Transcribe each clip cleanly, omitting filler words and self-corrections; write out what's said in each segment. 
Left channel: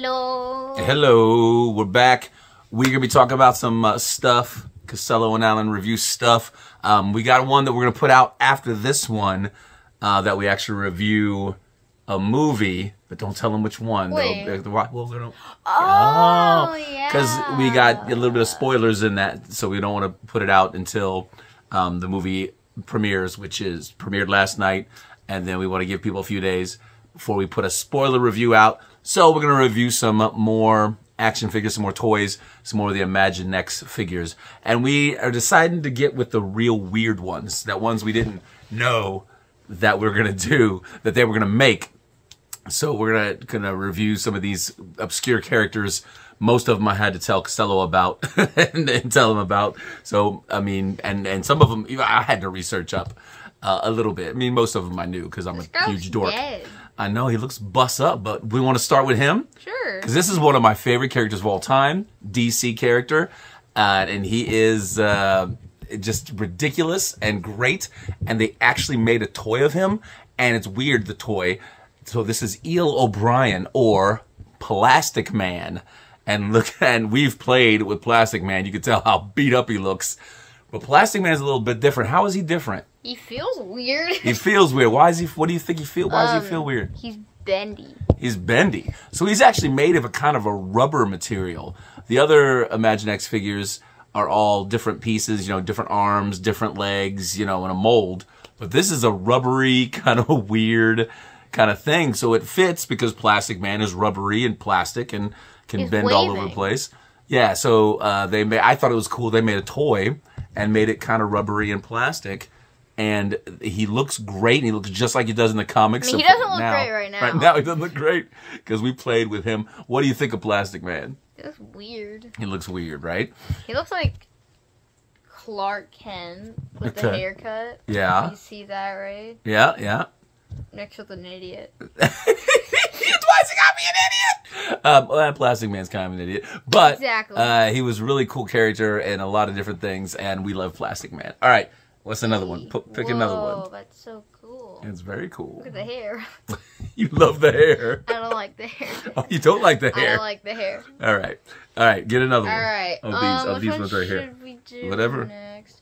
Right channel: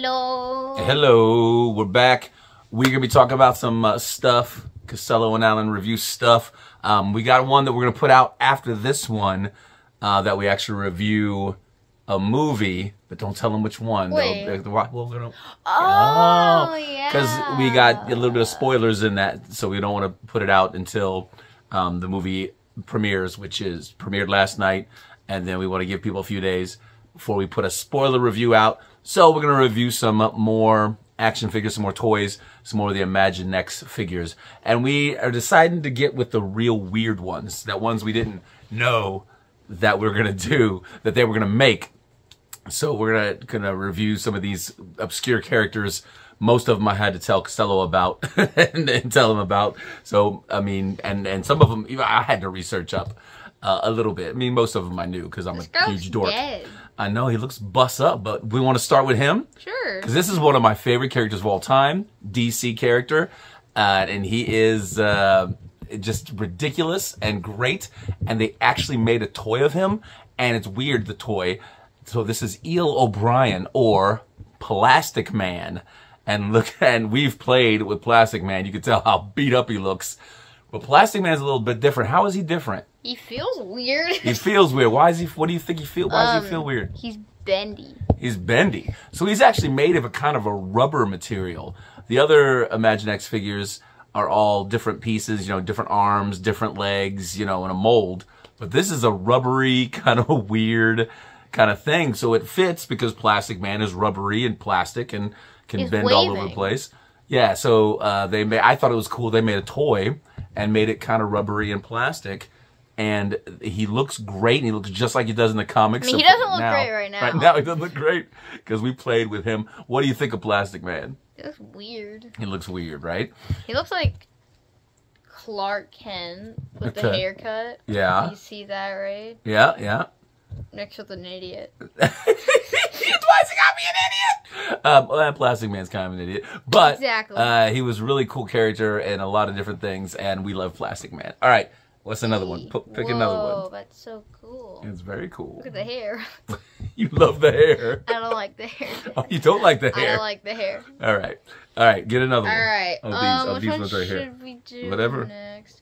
Hello. Hello, we're back. We're going to be talking about some stuff. Costello and Alan review stuff. We got one that we're going to put out after this one that we actually review a movie, but don't tell them which one. Wait. Yeah. Because we got a little bit of spoilers in that, so we don't want to put it out until the movie premieres, which is premiered last night, and then we want to give people a few days before we put a spoiler review out. So we're going to review some more action figures, some more toys, some more of the Imaginext figures. And we are deciding to get with the real weird ones, that ones we didn't know that we're going to do, that they were going to make. So we're gonna review some of these obscure characters. Most of them I had to tell Costello about and tell him about. So, I mean, and some of them I had to research up a little bit. I mean, most of them I knew because I'm a huge dork. Dead. I know, he looks bust up, but we want to start with him. Sure. Because this is one of my favorite characters of all time, DC character. And he is just ridiculous and great. And they actually made a toy of him. And it's weird, the toy. So this is Eel O'Brien, or Plastic Man. And look, and we've played with Plastic Man. You can tell how beat up he looks. But Plastic Man is a little bit different. How is he different? He feels weird. He feels weird. Why is he? What do you think he feels? Why does he feel weird? He's bendy. He's bendy. So he's actually made of a kind of a rubber material. The other Imaginext figures are all different pieces, you know, different arms, different legs, you know, in a mold. But this is a rubbery, kind of a weird kind of thing. So it fits because Plastic Man is rubbery and plastic and can bend all over the place. Yeah, so I thought it was cool. They made a toy and made it kind of rubbery and plastic. And he looks great, and he looks just like he does in the comics. I mean, he doesn't look great right now. Right now, he doesn't look great because we played with him. What do you think of Plastic Man? He looks weird. He looks weird, right? He looks like Clark Kent with the haircut. Yeah. You see that, right? Yeah, yeah. Next with an idiot. Why is he got me an idiot? Well, Plastic Man's kind of an idiot. But exactly. He was a really cool character and a lot of different things, and we love Plastic Man. All right. What's another one? Pick another one. Oh, that's so cool. It's very cool. Look at the hair. You love the hair. I don't like the hair. Oh, you don't like the hair? I don't like the hair. All right. All right. Get another one. All right. These ones right here. Should we do whatever. Next?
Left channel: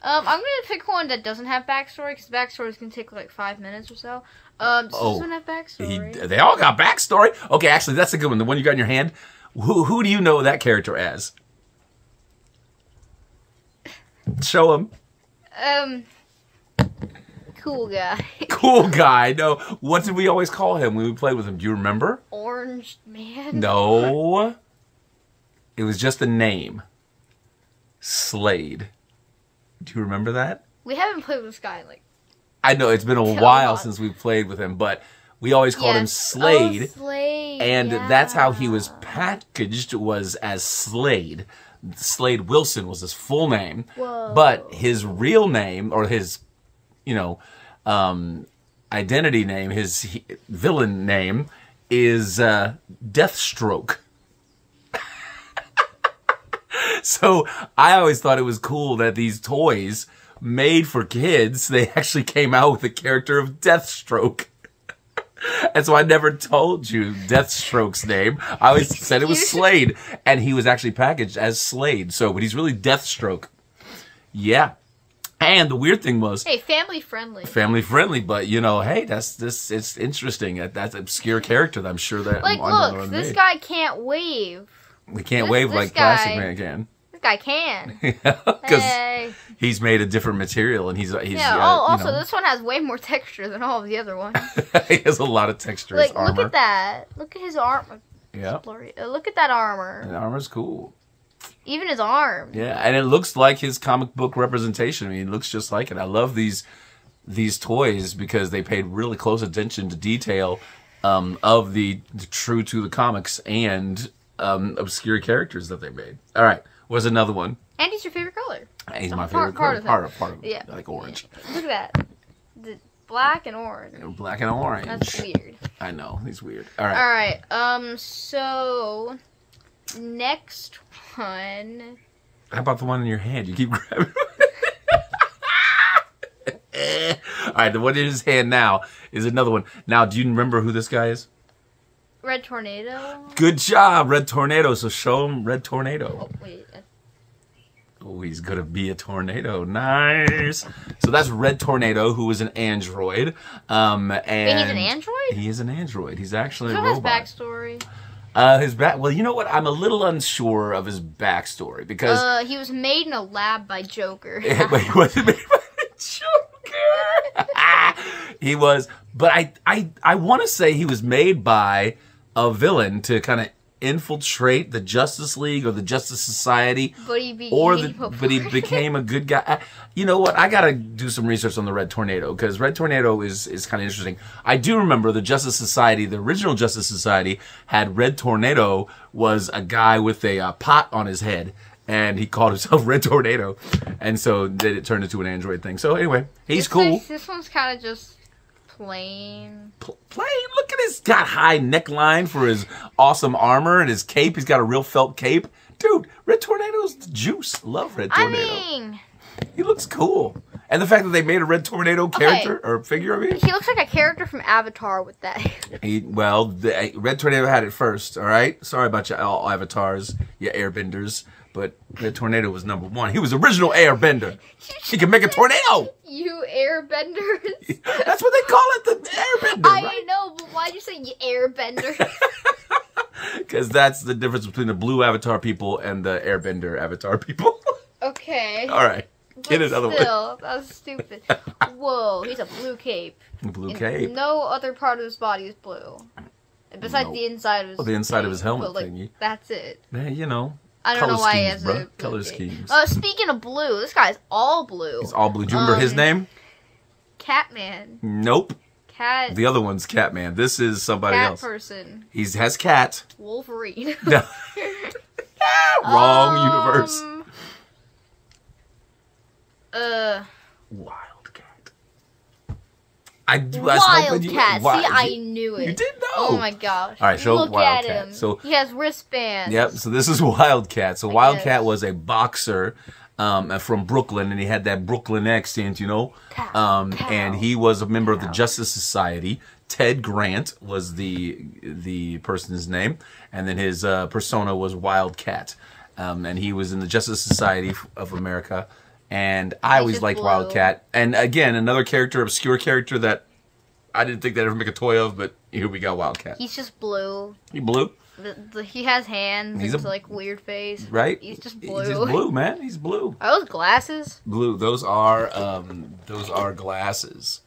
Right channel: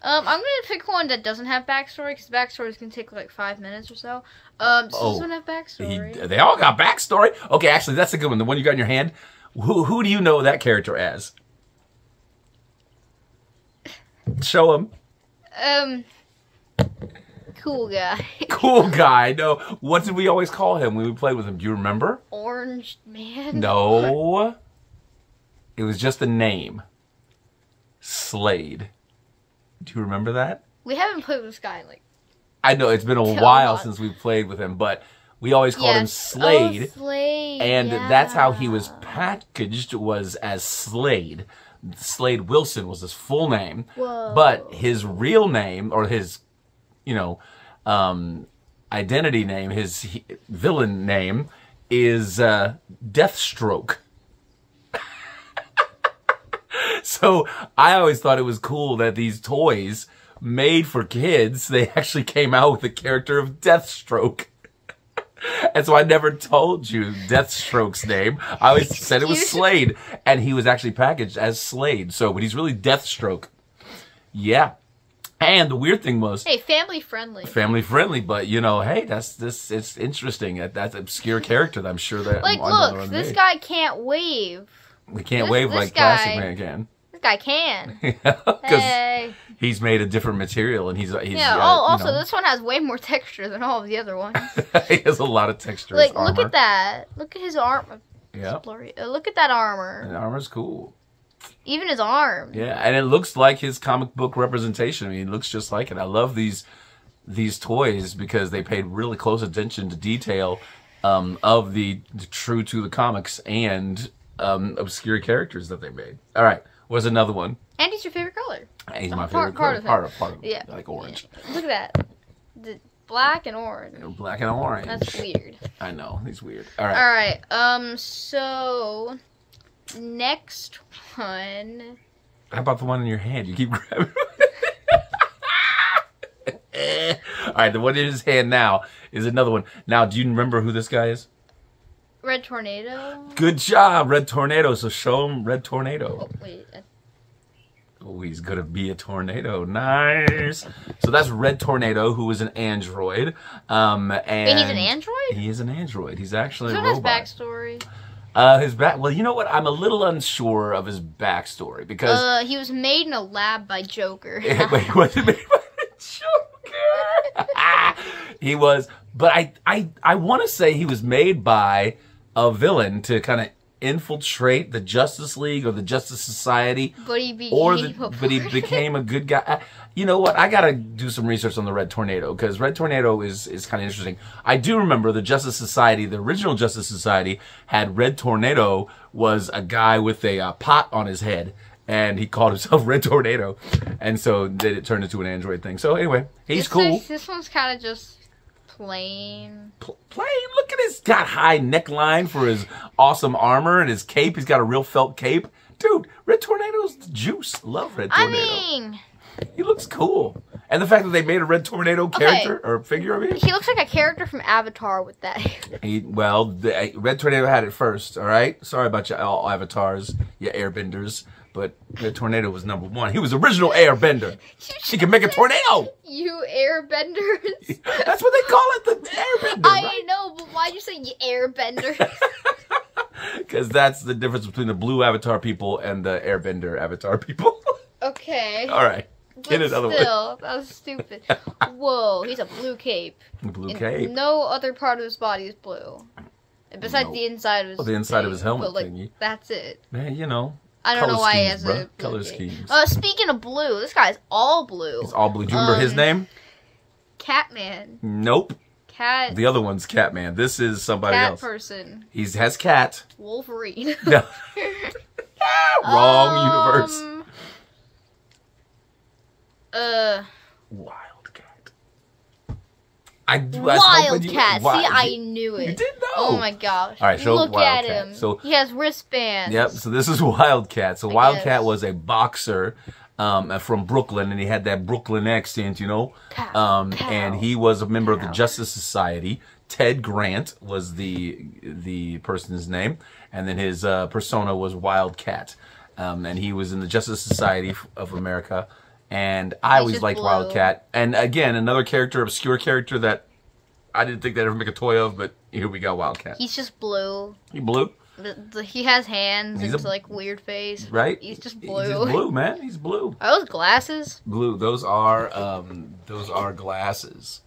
I'm going to pick one that doesn't have backstory, because backstories can take like 5 minutes or so. This doesn't have backstory. They all got backstory? Okay, actually, that's a good one. The one you got in your hand. Who do you know that character as? Show him. Cool guy. Cool guy. No, what did we always call him when we played with him? Do you remember? Orange Man? No. It was just a name. Slade. Do you remember that? We haven't played with this guy in like... I know, it's been a while since we played with him, but we always called him Slade. Oh, Slade. And that's how he was packaged, was as Slade. Slade Wilson was his full name. Whoa. But his real name, or his, you know, identity name, his villain name, is Deathstroke. So I always thought it was cool that these toys made for kids, they actually came out with the character of Deathstroke. And so I never told you Deathstroke's name. I always said it was Slade. And he was actually packaged as Slade. So, but he's really Deathstroke. Yeah. And the weird thing was... Hey, family friendly. Family friendly, but you know, hey, it's interesting. That's an obscure character that I'm sure that... Like, look, this guy can't wave. We can't wave like Plastic Man can. This guy can. Because he's made a different material, and he's yeah. Also, this one has way more texture than all of the other ones. He has a lot of texture. Like, look at that. Look at his arm. Yeah. Look at that armor. The armor's cool. Even his arm. Yeah, and it looks like his comic book representation. I mean, it looks just like it. I love these toys because they paid really close attention to detail of the true to the comics and obscure characters that they made. All right. What's another one? Andy's your favorite color. He's my favorite color. Part of it. Yeah. I like orange. Yeah. Look at that. The black and orange. Black and orange. That's weird. I know. He's weird. All right. All right. So, next one. How about the one in your hand? You keep grabbing All right. The one in his hand now is another one. Now, do you remember who this guy is? Red Tornado. Good job, Red Tornado. So show him Red Tornado. Oh, wait. Oh, he's gonna be a tornado. Nice. So that's Red Tornado, who is an android. And wait, he's an android? He is an android. He's actually a robot. robot. His backstory? Well, you know what? I'm a little unsure of his backstory because he was made in a lab by Joker. He wasn't made by Joker. He was, but I want to say he was made by a villain to kind of infiltrate the Justice League or the Justice Society, but he became a good guy. You know what? I gotta do some research on the Red Tornado because Red Tornado is kind of interesting. I do remember the Justice Society, the original Justice Society, had Red Tornado was a guy with a pot on his head, and he called himself Red Tornado, and so then it turned into an android thing. So anyway, he's cool. This one's kind of just plain. Plain? Look at his got high neckline for his awesome armor and his cape. He's got a real felt cape. Dude, Red Tornado's the juice. Love Red Tornado. I mean, he looks cool. And the fact that they made a Red Tornado character or figure, I mean. He looks like a character from Avatar with that. Red Tornado had it first, all right? Sorry about you all avatars, you airbenders. But the tornado was #1. He was original airbender. He can make a tornado. You airbenders. That's what they call it, the airbender. I know, but why'd you say you airbender? Because that's the difference between the blue avatar people and the airbender avatar people. Okay. All right. Get another one. Still, that was stupid. Whoa, he's a blue cape. Blue cape. No other part of his body is blue. Besides the inside of his the inside of his helmet thingy. That's it. Man, you know. I don't know why he has a color schemes. Speaking of blue, this guy's all blue. He's all blue. Do you remember his name? Catman. Nope. Cat. The other one's Catman. This is somebody else. Cat person. He has cat. Wolverine. No. Wrong universe. Wildcat. See, I knew it. You did know. Oh my gosh. All right, show Look Wildcat. at him. So he has wristbands. Yep. So this is Wildcat. So Wildcat was a boxer from Brooklyn, and he had that Brooklyn accent, you know. And he was a member of the Justice Society. Ted Grant was the person's name, and then his persona was Wildcat. And he was in the Justice Society of America. And I always liked Wildcat. And again, another character, obscure character that I didn't think they'd ever make a toy of, but here we got Wildcat. He's just blue. He blue? He has hands. He's like weird face. Right? He's just blue. He's just blue, man. He's blue. Are those glasses? Blue. Those are glasses.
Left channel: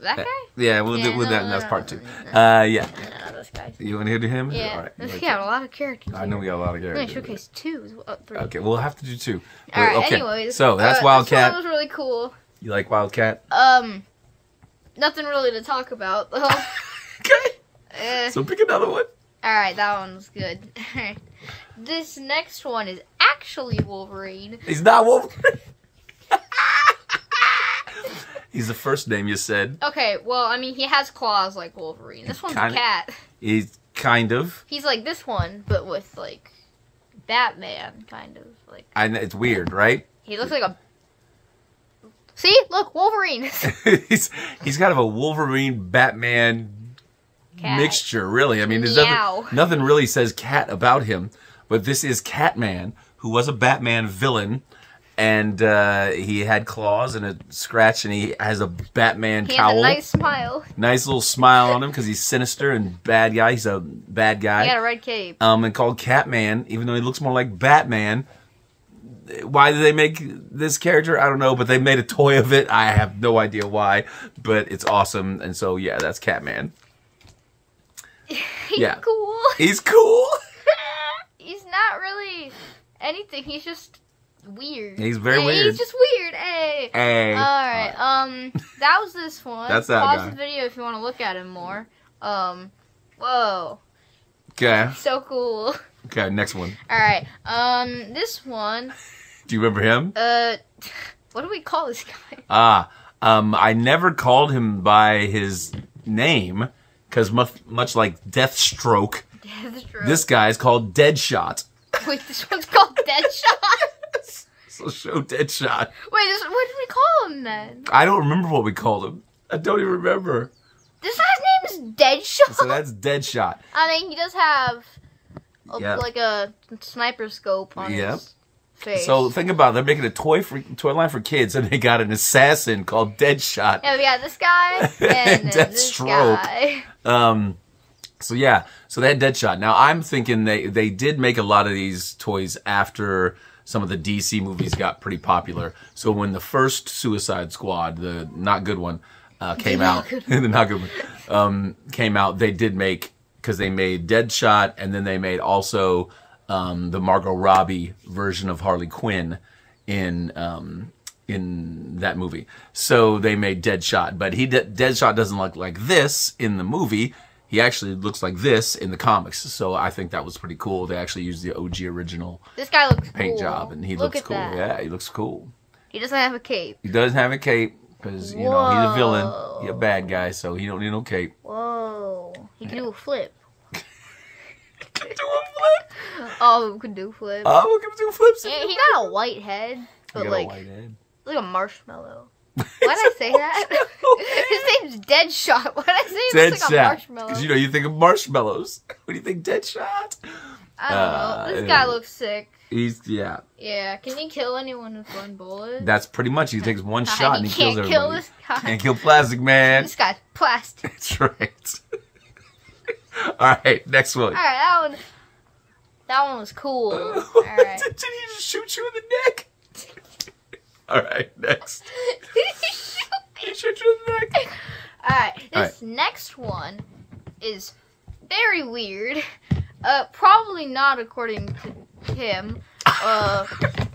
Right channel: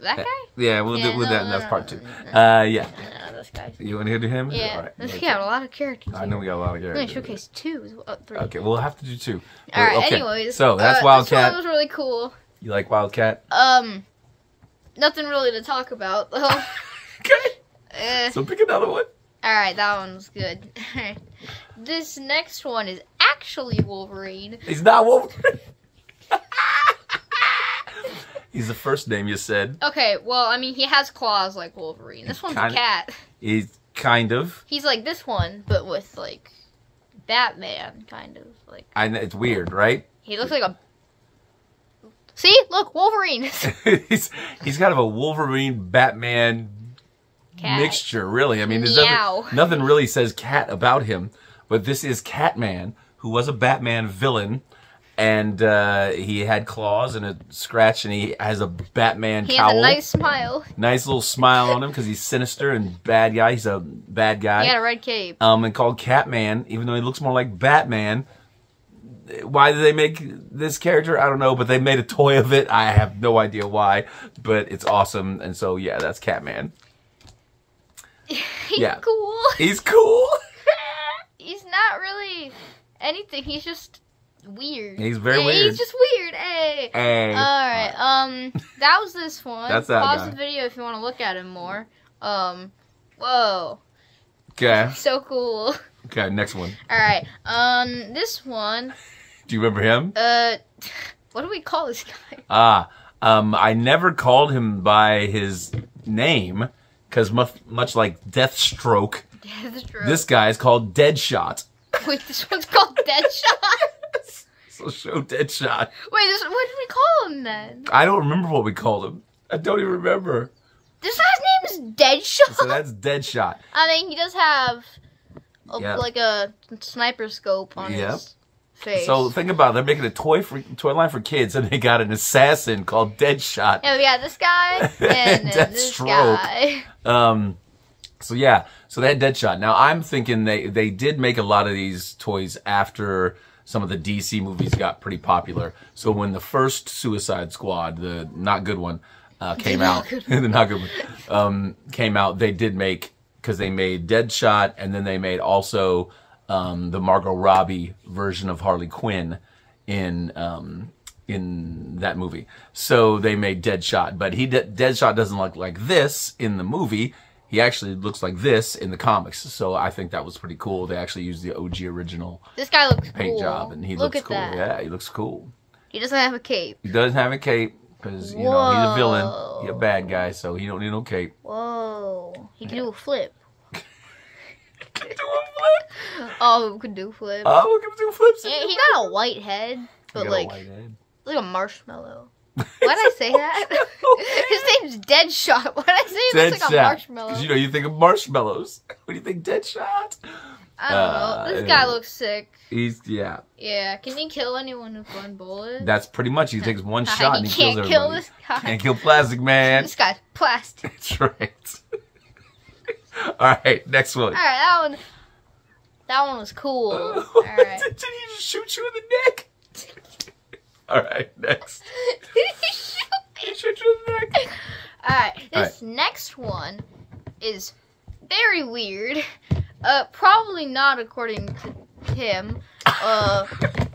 That guy? Yeah, we'll do that in that part too. Yeah. No, this guy. You want to do him? Yeah. All right. We got a lot of characters. I know we got a lot of characters. We're going to showcase 2. 3. Okay, we'll have to do 2. All right, okay. anyways. So, that's Wildcat. This one was really cool. You like Wildcat? Nothing really to talk about, though. Okay. So, pick another one. Alright, that one's good. This next one is actually Wolverine. He's not Wolverine. He's the first name you said. Okay, well, I mean, he has claws like Wolverine. This one's a cat. He's kind of. He's like this one, but with, like, Batman, kind of. Like. It's weird, right? He looks like a... See? Look, Wolverine. he's kind of a Wolverine-Batman mixture, really. I mean, there's nothing really says cat about him, but this is Catman, who was a Batman villain. And he had claws and a scratch, and he has a Batman cowl. He has a nice smile. Nice little smile on him because he's sinister and bad guy. He's a bad guy. He got a red cape. And called Catman, even though he looks more like Batman. Why did they make this character? I don't know, but they made a toy of it. I have no idea why, but it's awesome. And so, yeah, that's Catman. He's cool. He's cool. He's not really anything. He's just... weird. He's very weird. He's just weird. Hey. Alright, that was this one. That's that Pause guy. the video if you want to look at him more. Whoa. Okay. So cool. Okay, next one. Alright, this one. Do you remember him? What do we call this guy? I never called him by his name, because much like Deathstroke, this guy is called Deadshot. Wait, this one's called Deadshot? So show Deadshot. Wait, what did we call him then? I don't remember what we called him. I don't even remember. This guy's name Deadshot. So that's Deadshot. I mean, he does have like a sniper scope on his face. So think about it. They're making a toy line for kids, and they got an assassin called Deadshot. Yeah, we got this guy and this guy. So yeah, so they had Deadshot. Now I'm thinking they did make a lot of these toys after some of the DC movies got pretty popular. So when the first Suicide Squad, the not good one, came out, the not good one, came out, they did make, because they made Deadshot, and then they made also the Margot Robbie version of Harley Quinn in that movie. So they made Deadshot, but Deadshot doesn't look like this in the movie. He actually looks like this in the comics. So I think that was pretty cool. They actually used the OG original this guy looks paint cool. job, and he looks cool. That. Yeah, he looks cool. He doesn't have a cape. He doesn't have a cape because, you know, he's a villain. He's a bad guy, so he don't need no cape. Whoa. He can do a flip. Do a flip? Oh, we can do flips. Oh, we can do flips. Yeah, he got a white head, but like a marshmallow. Why did I say that? His name's Deadshot. Why did I say he looks like a marshmallow? Because, you know, you think of marshmallows. What do you think, Deadshot? I don't know. This guy looks sick. Yeah. Yeah, can he kill anyone with one bullet? That's pretty much. He takes one shot and he kills everybody. Can't kill this guy. Can't kill Plastic Man. This guy's plastic. That's right. All right, next one. All right, that one was cool. All right. Did he just shoot you in the neck? All right, next. He shoot you in the neck. All right, this next one is very weird. Probably not according to him.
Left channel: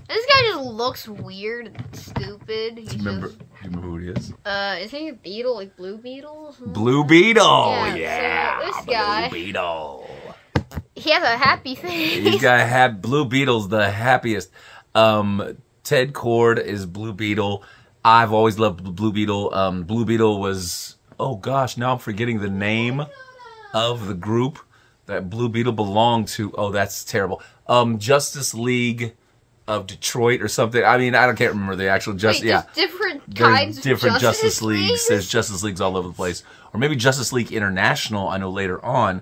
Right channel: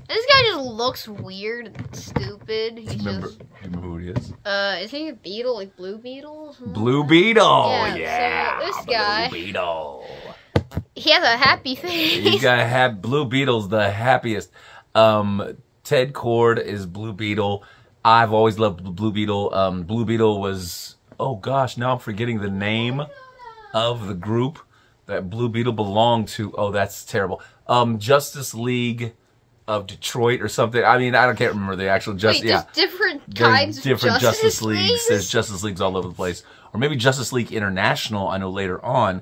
This guy just looks weird and stupid. Do you remember who he is? Is he a beetle, like Blue Beetle? Blue Beetle, yeah. So this guy, Blue Beetle. He has a happy face. He's got Blue Beetle's the happiest. Ted Kord is Blue Beetle. I've always loved Blue Beetle. Blue Beetle was, oh gosh, now I'm forgetting the name of the group that Blue Beetle belonged to. Oh, that's terrible. Justice League of Detroit or something. I mean, can't remember the actual Justice. Wait, there's different kinds of Justice Leagues. There's Justice Leagues all over the place. Or maybe Justice League International, I know later on,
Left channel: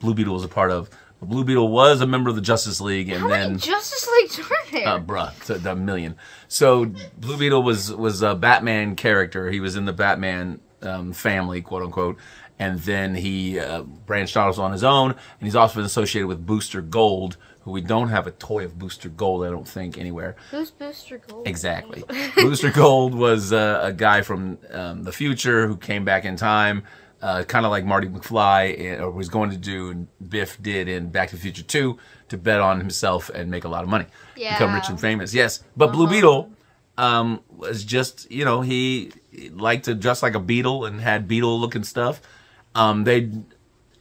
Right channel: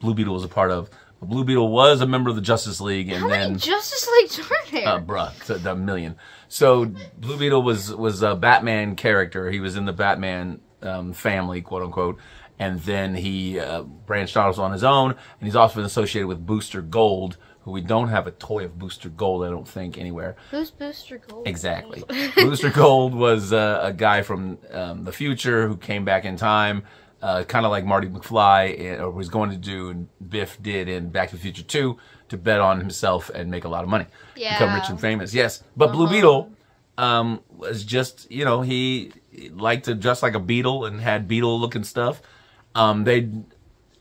Blue Beetle was a part of. But Blue Beetle was a member of the Justice League. And How many Justice Leagues are there? Bruh, the million. So Blue Beetle was a Batman character. He was in the Batman family, quote unquote. And then he branched off on his own. And he's also been associated with Booster Gold, who we don't have a toy of Booster Gold, I don't think, anywhere. Who's Booster Gold? Exactly. Booster Gold was a guy from the future who came back in time, kind of like Marty McFly, or was going to do, and Biff did in Back to the Future 2, to bet on himself and make a lot of money. Yeah. Become rich and famous, yes. But Blue Beetle was just, you know, he liked to dress like a beetle and had beetle-looking stuff. They,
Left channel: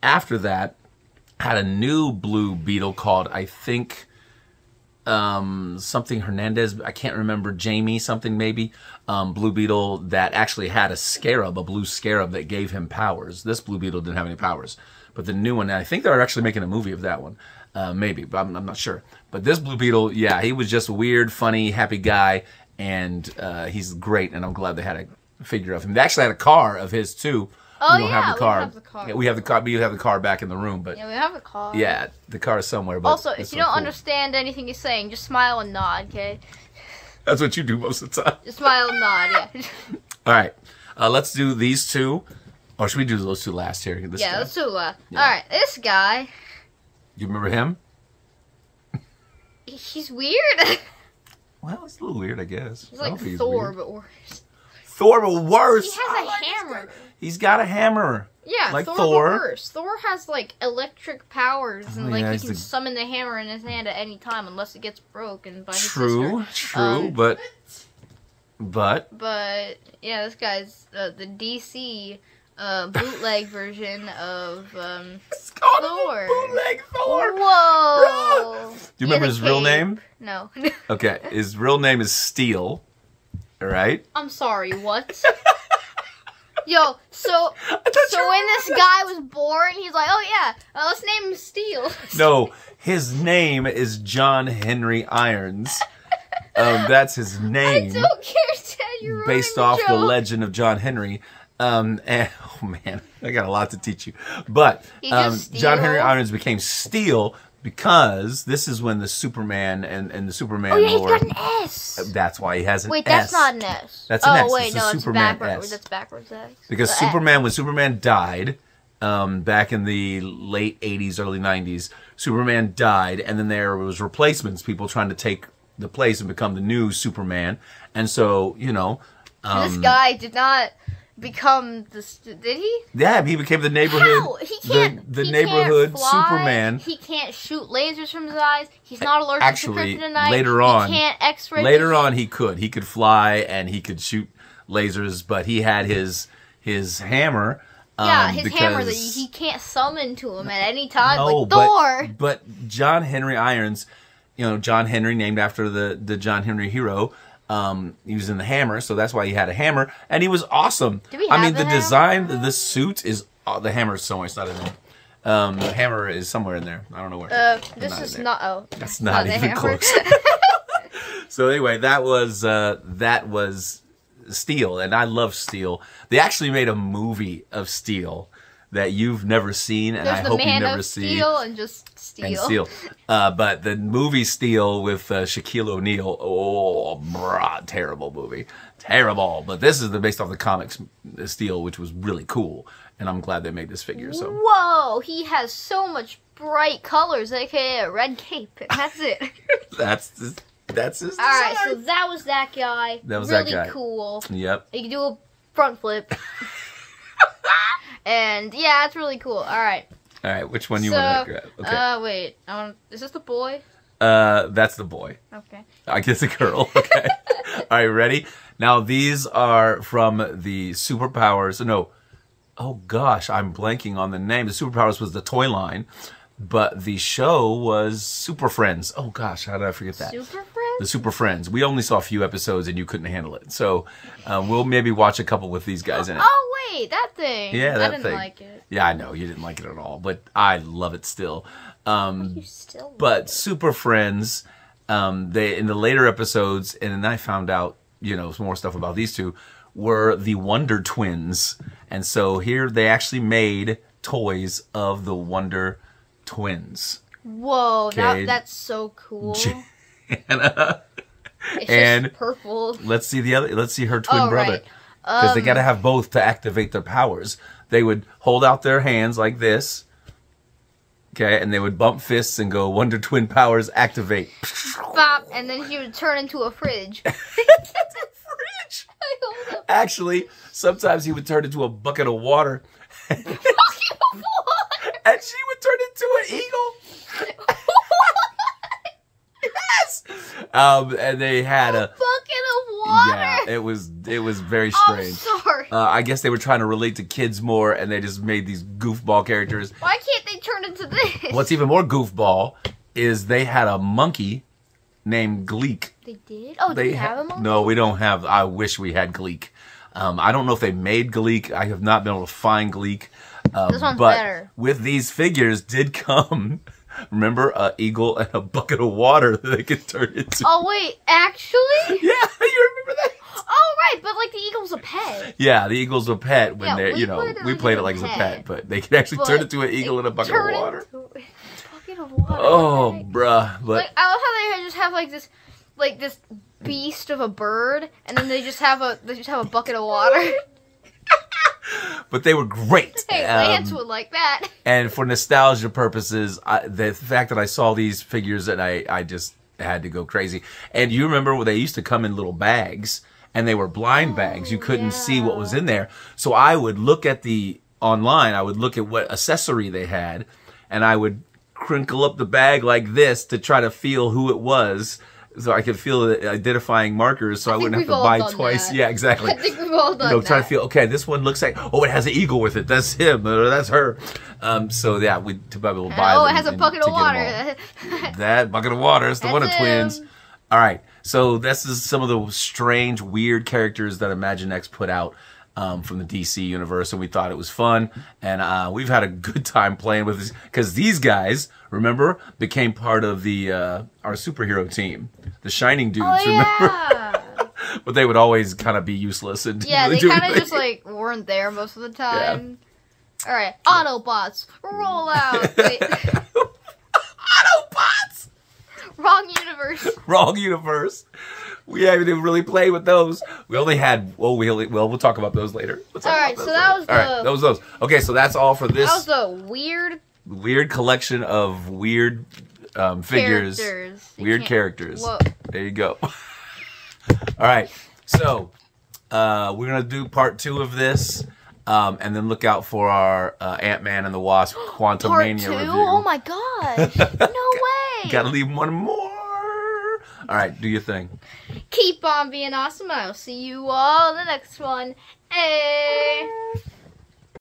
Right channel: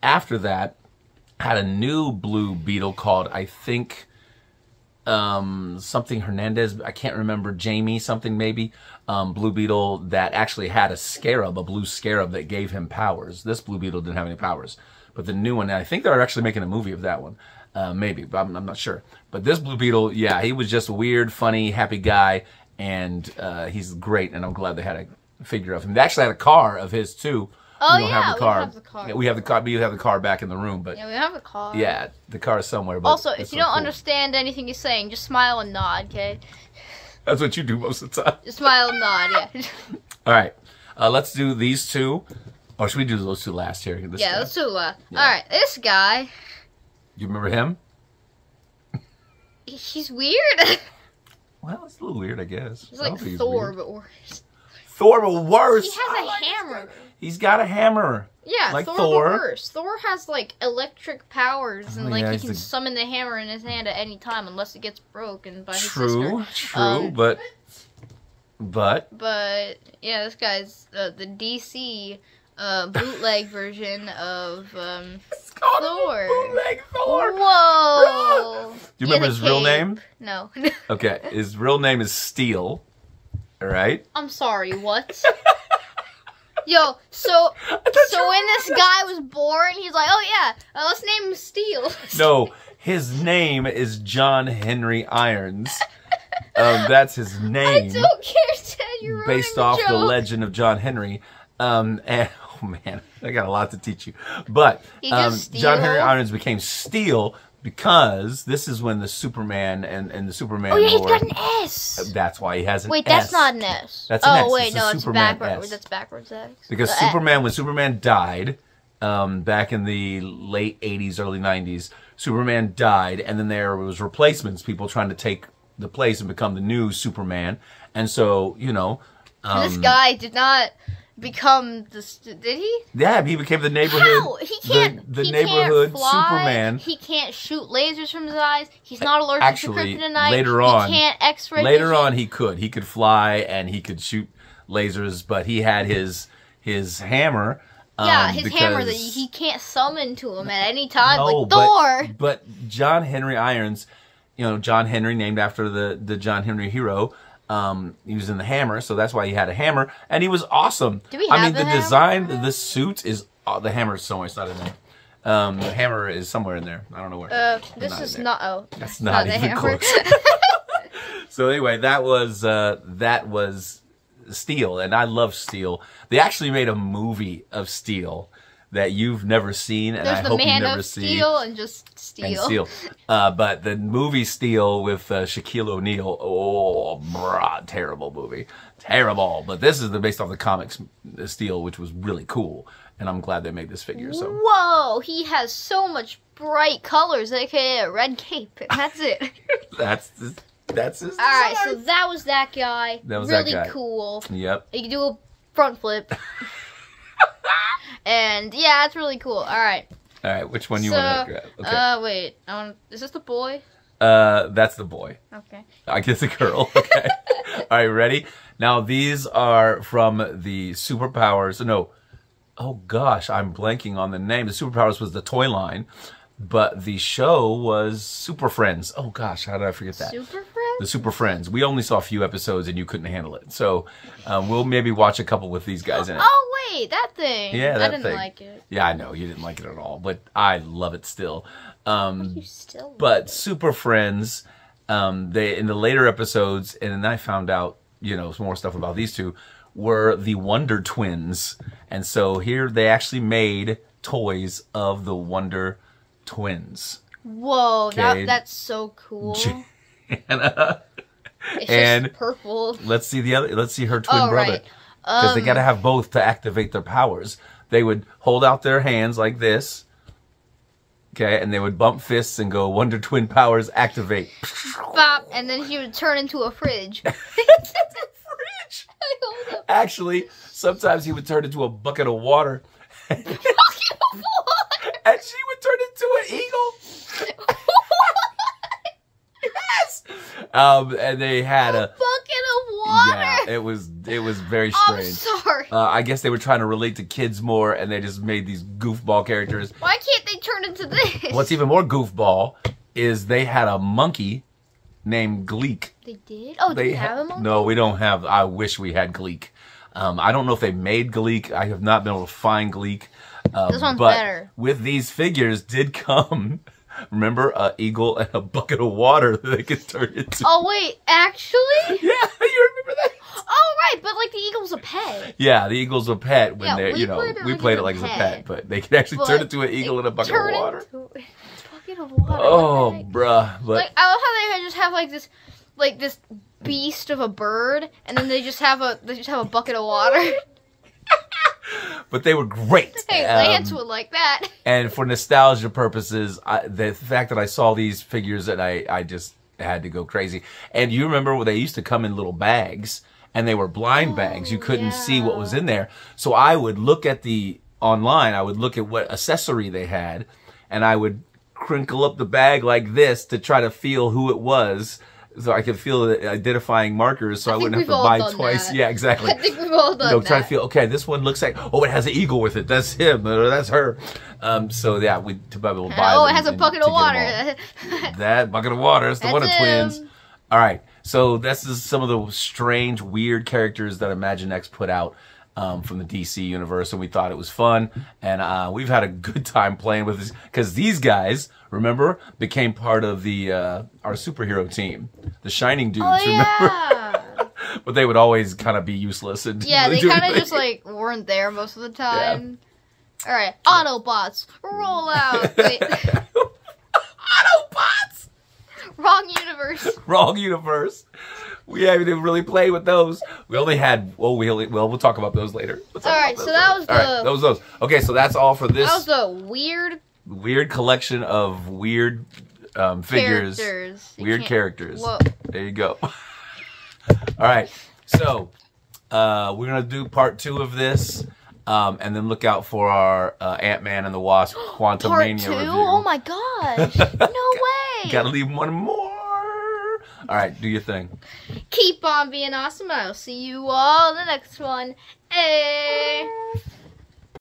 after that, had a new Blue Beetle called, I think, something Hernandez, I can't remember, Jamie something maybe, Blue Beetle that actually had a scarab, a blue scarab that gave him powers. This Blue Beetle didn't have any powers. But the new one, I think they're actually making a movie of that one, maybe, but I'm not sure. But this Blue Beetle, yeah, he was just a weird, funny, happy guy, and he's great, and I'm glad they had a figure of him. They actually had a car of his, too. Oh, yeah, we have the car. Yeah, we have the car. We have the car back in the room, but yeah, we have the car. Yeah, the car is somewhere. But also, if you don't understand anything you're saying, just smile and nod, okay? That's what you do most of the time. Just smile and nod, yeah. All right, let's do these two. Or should we do those two last here? Yeah, let's do last. Yeah. All right, this guy. You remember him? He's weird. Well, it's a little weird, I guess. He's like Thor, but worse. Thor, but worse. He has a hammer. He's got a hammer. Yeah, like Thor, but worse. Thor has, like, electric powers, and, like, he can summon the hammer in his hand at any time, unless it gets broken by his sister. True, but, yeah, this guy's the DC bootleg version of Thor. Bootleg Thor. Whoa! Do you remember his real name? No. Okay, his real name is Steel. All right. I'm sorry. What? Yo, so when this guy was born, he's like, oh yeah, let's name him Steel. No, his name is John Henry Irons. That's his name. I don't care, Dad. You're based off the legend of John Henry. And oh man, I got a lot to teach you. But John Henry Irons became Steel because this is when the Superman and the Superman. Oh yeah, lore, he's got an S. That's why he has an S. Wait, that's not an S. That's an S. Oh wait, it's no, it's Superman backwards. S. That's backwards X. Because when Superman died, back in the late 80s, early 90s, Superman died, and then there was replacements, people trying to take the place and become the new Superman. And so, you know... this guy did not become the... Did he? Yeah, he became the neighborhood... How? He can't... The he neighborhood can't fly, Superman. He can't shoot lasers from his eyes. He's not allergic to kryptonite. Later on... He can't X-ray... Later on, he could. He could fly, and he could shoot lasers, but he had his hammer... Yeah, his hammer that he can't summon to him at any time, no, like Thor. But John Henry Irons, you know, John Henry, named after the John Henry hero, he was in the hammer, so that's why he had a hammer, and he was awesome. Do we have the design of this suit is, the hammer is somewhere, it's not in there. The hammer is somewhere in there. I don't know where. This is not, that's not the hammer. So anyway, that was Steel, and I love Steel. They actually made a movie of Steel that you've never seen, and I hope you never see. There's the Man of Steel and just Steel. But the movie Steel with Shaquille O'Neal, oh, brah, terrible movie. Terrible. But this is based off the comics Steel, which was really cool, and I'm glad they made this figure. So. Whoa, he has so much bright colors, aka a red cape, and that's it. That's his design. Alright, so that was that guy. That was really that guy. Cool. Yep. You can do a front flip. And yeah, it's really cool. Alright. Alright, which one you want to grab? Okay. Wait. Is this the boy? That's the boy. Okay. I guess the girl. Okay. Alright, ready? Now these are from the Superpowers. No. Oh gosh, I'm blanking on the name. The Superpowers was the toy line. But the show was Super Friends. Oh gosh, how did I forget that? Super Friends? The Super Friends. We only saw a few episodes and you couldn't handle it. So we'll maybe watch a couple with these guys in it. Oh wait, that thing. Yeah, that I didn't thing. like it. Yeah, I know. You didn't like it at all. But I love it still. You still but Super Friends, they in the later episodes, and then I found out, you know, some more stuff about these two, were the Wonder Twins. And so here they actually made toys of the Wonder Twins. Whoa, Okay. that's so cool. Jana. It's And just purple. let's see the other. Let's see her twin brother. Right. Because they got to have both to activate their powers. They would hold out their hands like this. Okay, and they would bump fists and go, Wonder Twin powers activate. Bop, and then he would turn into a fridge. Fridge. Actually, sometimes he would turn into a bucket of water. And she would turn into an eagle. Yes. And they had a bucket of water. Yeah, it was very strange. I'm sorry. I guess they were trying to relate to kids more, and they just made these goofball characters. Why can't they turn into this? What's even more goofball is they had a monkey named Gleek. They did? Oh, do we have a monkey? No, we don't have. I wish we had Gleek. I don't know if they made Gleek. I have not been able to find Gleek. This one's but better. With these figures did come, remember, an eagle and a bucket of water that they could turn into. Oh, wait, actually? Yeah, you remember that? Oh, right, but like the eagle's a pet. Yeah, the eagle's a pet when they're, we played it like as a pet, but they could actually turn into an eagle in a bucket of water. Bucket of water. Oh, bruh. But like, I love how they just have like this beast of a bird, and then they just have a bucket of water. But they were great. Hey, Lance would like that. And for nostalgia purposes, the fact that I saw these figures and I just had to go crazy. And you remember when they used to come in little bags, and they were blind bags. You couldn't see what was in there. So I would look at online, I would look at what accessory they had, and I would crinkle up the bag like this to try to feel who it was. So I could feel the identifying markers, so I wouldn't have to buy twice. That. Yeah, exactly. I think we've all done that. Try to feel, okay, this one looks like, oh, it has an eagle with it. That's him, or that's her. So yeah, we will buy. Oh, it has a bucket of water. That bucket of water is the Wonder Twins. All right, so this is some of the strange, weird characters that Imaginext put out from the DC universe, and we thought it was fun, and we've had a good time playing with this because these guys, remember, became part of the our superhero team, the Shining dudes. Oh, yeah. Remember? But they would always kind of be useless. And yeah, they kind of just like weren't there most of the time. Yeah. All right, Autobots, roll out. Wait. Autobots. Wrong universe. Wrong universe. We haven't even really played with those. We only had. We'll talk about those later. All right, so that was that was those. Okay, so that's all for this. That was the weird collection of weird figures. Weird characters. Whoa. There you go. All right, so we're gonna do part 2 of this, and then look out for our Ant-Man and the Wasp Quantum Mania Part 2? review. Oh my gosh! No way! Gotta leave one more. All right, do your thing. Keep on being awesome. I'll see you all in the next one. Hey.